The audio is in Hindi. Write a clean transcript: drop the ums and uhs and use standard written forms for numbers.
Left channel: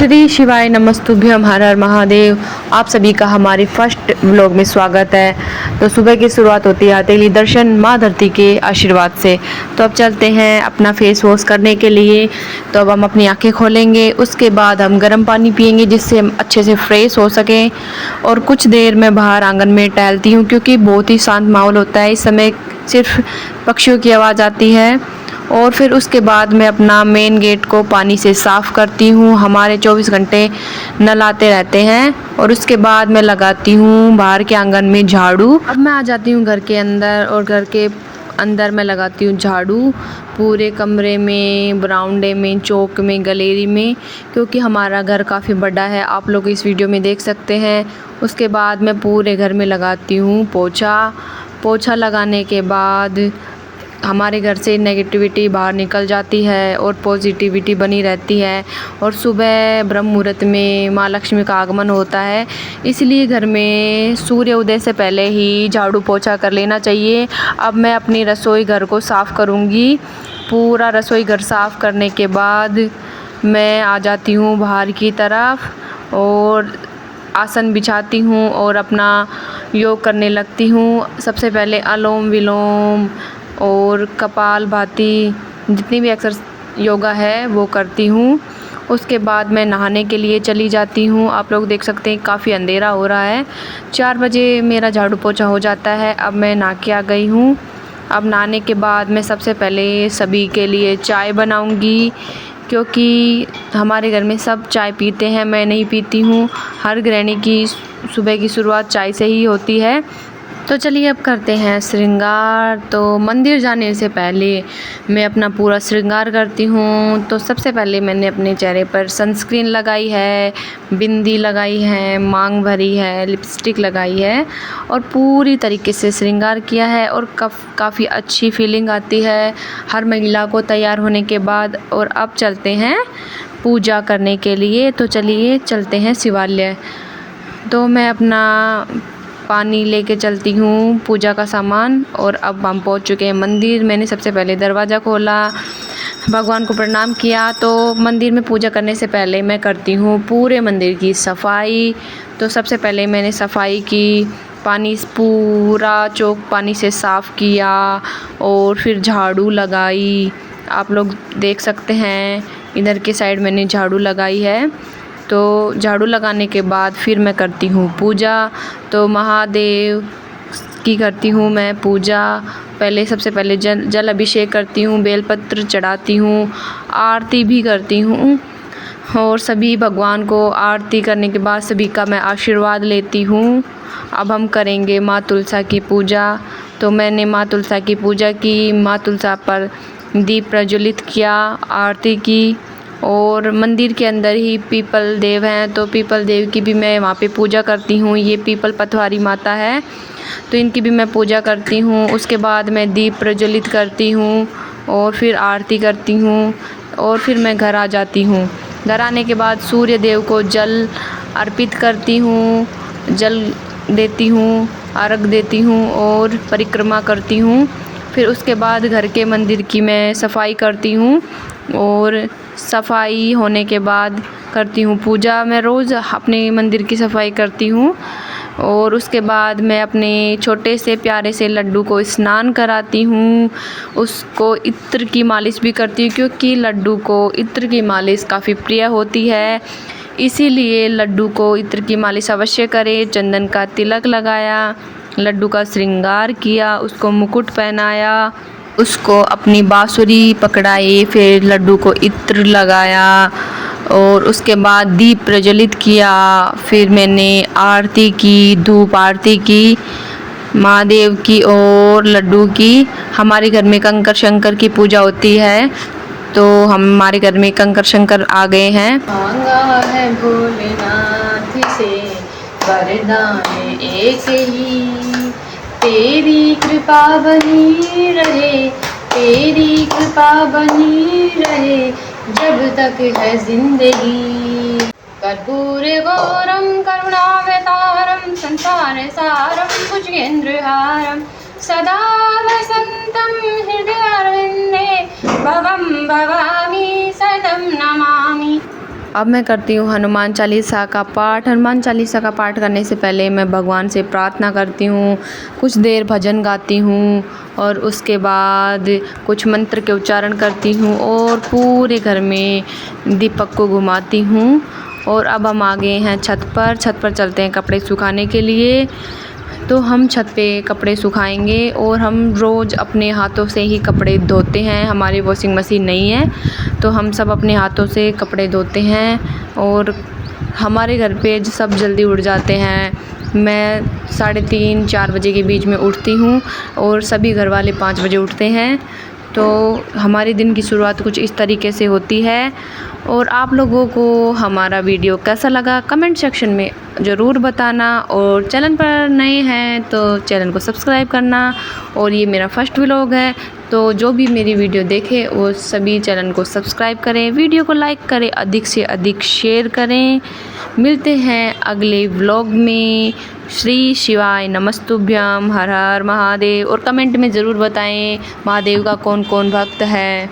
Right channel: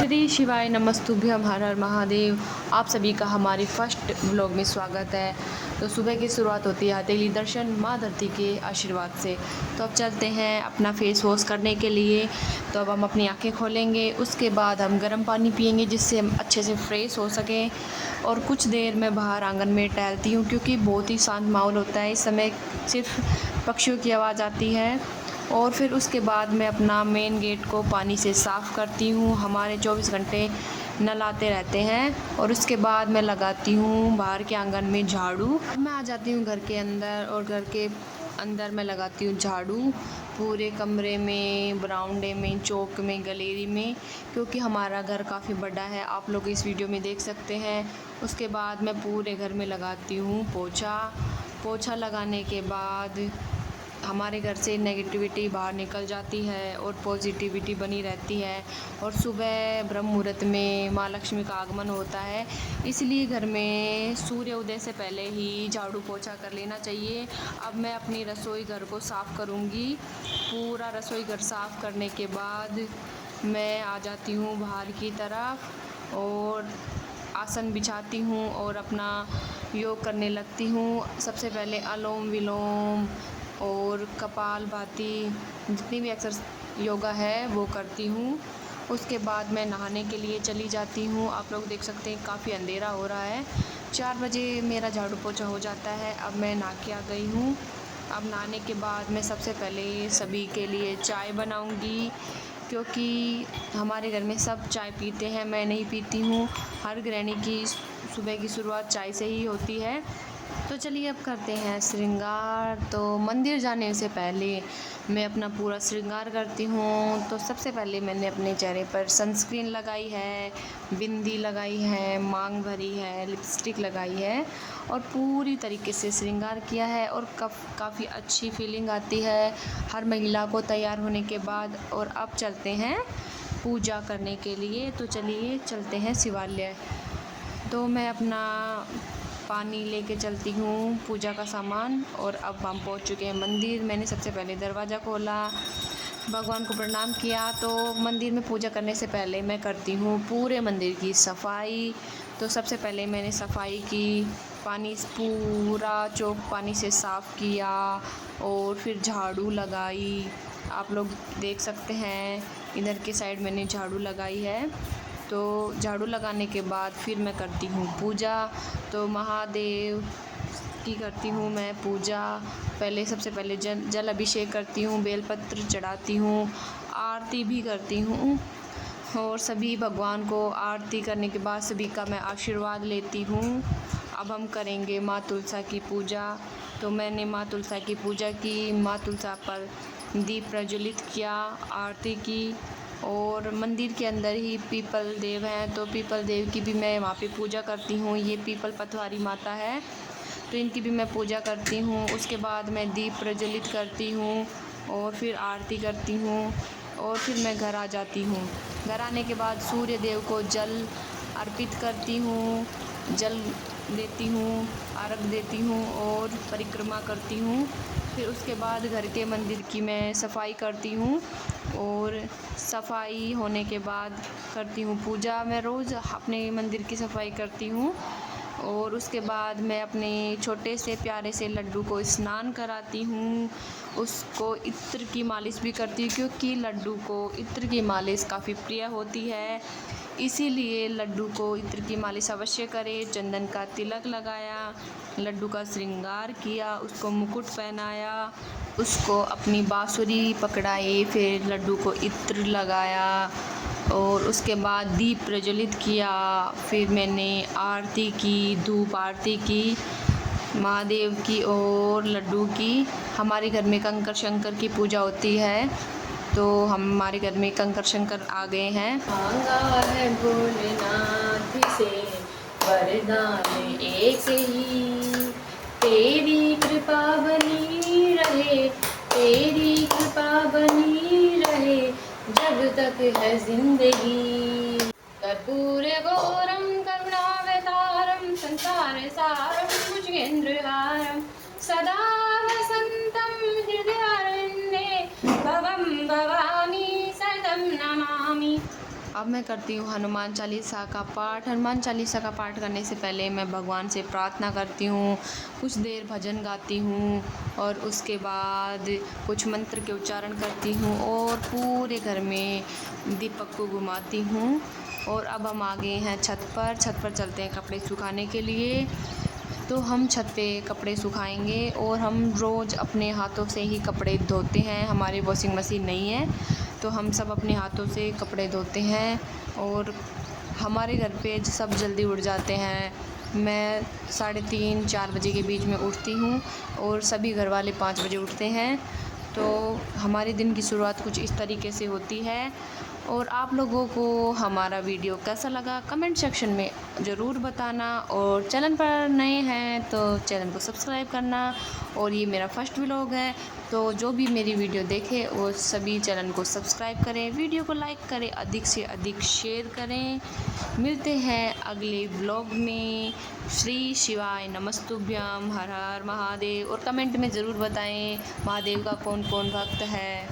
श्री शिवाय नमस्तुभ्यम, हर हर महादेव। आप सभी का हमारे फर्स्ट व्लॉग में स्वागत है। तो सुबह की शुरुआत होती है तेली दर्शन माँ धरती के आशीर्वाद से। तो अब चलते हैं अपना फेस वॉश करने के लिए। तो अब हम अपनी आंखें खोलेंगे, उसके बाद हम गर्म पानी पिएंगे जिससे हम अच्छे से फ्रेश हो सकें। और कुछ देर मैं बाहर आंगन में टहलती हूँ क्योंकि बहुत ही शांत माहौल होता है। इस समय सिर्फ पक्षियों की आवाज़ आती है। और फिर उसके बाद मैं अपना मेन गेट को पानी से साफ़ करती हूँ। हमारे 24 घंटे नल आते रहते हैं। और उसके बाद मैं लगाती हूँ बाहर के आंगन में झाड़ू। अब मैं आ जाती हूँ घर के अंदर, और घर के अंदर मैं लगाती हूँ झाड़ू पूरे कमरे में, बरामदे में, चौक में, गैलरी में, क्योंकि हमारा घर काफ़ी बड़ा है। आप लोग इस वीडियो में देख सकते हैं। उसके बाद मैं पूरे घर में लगाती हूँ पोछा लगाने के बाद हमारे घर से नेगेटिविटी बाहर निकल जाती है और पॉजिटिविटी बनी रहती है। और सुबह ब्रह्म मुहूर्त में माँ लक्ष्मी का आगमन होता है, इसलिए घर में सूर्य उदय से पहले ही झाड़ू पोछा कर लेना चाहिए। अब मैं अपनी रसोई घर को साफ़ करूँगी। पूरा रसोई घर साफ़ करने के बाद मैं आ जाती हूँ बाहर की तरफ और आसन बिछाती हूँ और अपना योग करने लगती हूँ। सबसे पहले अनुलोम विलोम और कपालभाति, जितनी भी योगा है वो करती हूँ। उसके बाद मैं नहाने के लिए चली जाती हूँ। आप लोग देख सकते हैं काफ़ी अंधेरा हो रहा है। 4 बजे मेरा झाड़ू पोछा हो जाता है। अब मैं नहा के आ गई हूँ। अब नहाने के बाद मैं सबसे पहले सभी के लिए चाय बनाऊँगी, क्योंकि हमारे घर में सब चाय पीते हैं, मैं नहीं पीती हूँ। हर गृहिणी की सुबह की शुरुआत चाय से ही होती है। तो चलिए अब करते हैं श्रृंगार। तो मंदिर जाने से पहले मैं अपना पूरा श्रृंगार करती हूँ। तो सबसे पहले मैंने अपने चेहरे पर सनस्क्रीन लगाई है, बिंदी लगाई है, मांग भरी है, लिपस्टिक लगाई है और पूरी तरीके से श्रृंगार किया है। और काफ़ी अच्छी फीलिंग आती है हर महिला को तैयार होने के बाद। और अब चलते हैं पूजा करने के लिए। तो चलिए चलते हैं शिवालय। तो मैं अपना पानी लेके चलती हूँ, पूजा का सामान। और अब हम पहुँच चुके हैं मंदिर। मैंने सबसे पहले दरवाज़ा खोला, भगवान को प्रणाम किया। तो मंदिर में पूजा करने से पहले मैं करती हूँ पूरे मंदिर की सफाई। तो सबसे पहले मैंने सफाई की, पूरा चौक पानी से साफ़ किया और फिर झाड़ू लगाई। आप लोग देख सकते हैं इधर के साइड मैंने झाड़ू लगाई है। तो झाड़ू लगाने के बाद फिर मैं करती हूँ पूजा। तो महादेव की करती हूँ मैं पूजा। सबसे पहले जल अभिषेक करती हूँ, बेलपत्र चढ़ाती हूँ, आरती भी करती हूँ। और सभी भगवान को आरती करने के बाद सभी का मैं आशीर्वाद लेती हूँ। अब हम करेंगे माँ तुलसा की पूजा। तो मैंने माँ तुलसा की पूजा की, माँ तुलसा पर दीप प्रज्वलित किया, आरती की। और मंदिर के अंदर ही पीपल देव हैं, तो पीपल देव की भी मैं वहाँ पे पूजा करती हूँ। ये पीपल पथवारी माता है, तो इनकी भी मैं पूजा करती हूँ। उसके बाद मैं दीप प्रज्वलित करती हूँ और फिर आरती करती हूँ और फिर मैं घर आ जाती हूँ। घर आने के बाद सूर्य देव को जल अर्पित करती हूँ, जल देती हूँ, अर्घ देती हूँ और परिक्रमा करती हूँ। फिर उसके बाद घर के मंदिर की मैं सफाई करती हूँ और सफाई होने के बाद करती हूँ पूजा। मैं रोज़ अपने मंदिर की सफाई करती हूँ। और उसके बाद मैं अपने छोटे से प्यारे से लड्डू को स्नान कराती हूँ। उसको इत्र की मालिश भी करती हूँ, क्योंकि लड्डू को इत्र की मालिश काफ़ी प्रिय होती है, इसीलिए लड्डू को इत्र की मालिश अवश्य करें। चंदन का तिलक लगाया, लड्डू का श्रृंगार किया, उसको मुकुट पहनाया, उसको अपनी बांसुरी पकड़ाई, फिर लड्डू को इत्र लगाया और उसके बाद दीप प्रज्वलित किया। फिर मैंने आरती की, धूप आरती की महादेव की और लड्डू की। हमारे घर में कंकर शंकर की पूजा होती है, तो हमारे घर में कंकर शंकर आ गए हैं। मांगा है भोलेनाथ से वरदान एक ही, तेरी कृपा बनी रहे, तेरी कृपा बनी रहे जब तक है जिंदगी। कर्पूर गौरम करुणावतारम संसार सारम भुजगेंद्रहारम सदा वसंतम हृदयारण्ये भवम भवामी सतम नमामि। अब मैं करती हूँ हनुमान चालीसा का पाठ। हनुमान चालीसा का पाठ करने से पहले मैं भगवान से प्रार्थना करती हूँ, कुछ देर भजन गाती हूँ और उसके बाद कुछ मंत्र के उच्चारण करती हूँ और पूरे घर में दीपक को घुमाती हूँ। और अब हम आ गए हैं छत पर चलते हैं कपड़े सुखाने के लिए। तो हम छत पे कपड़े सुखाएंगे और हम रोज़ अपने हाथों से ही कपड़े धोते हैं। हमारी वॉशिंग मशीन नहीं है तो हम सब अपने हाथों से कपड़े धोते हैं। और हमारे घर पे सब जल्दी उठ जाते हैं। मैं 3:30-4 बजे के बीच में उठती हूँ और सभी घर वाले 5 बजे उठते हैं। तो हमारे दिन की शुरुआत कुछ इस तरीके से होती है। और आप लोगों को हमारा वीडियो कैसा लगा कमेंट सेक्शन में ज़रूर बताना। और चैनल पर नए हैं तो चैनल को सब्सक्राइब करना। और ये मेरा फर्स्ट व्लॉग है तो जो भी मेरी वीडियो देखे वो सभी चैनल को सब्सक्राइब करें, वीडियो को लाइक करें, अधिक से अधिक शेयर करें। मिलते हैं अगले व्लॉग में। श्री शिवाय नमस्तुभ्यम, हर हर महादेव। और कमेंट में ज़रूर बताएं महादेव का कौन कौन भक्त है।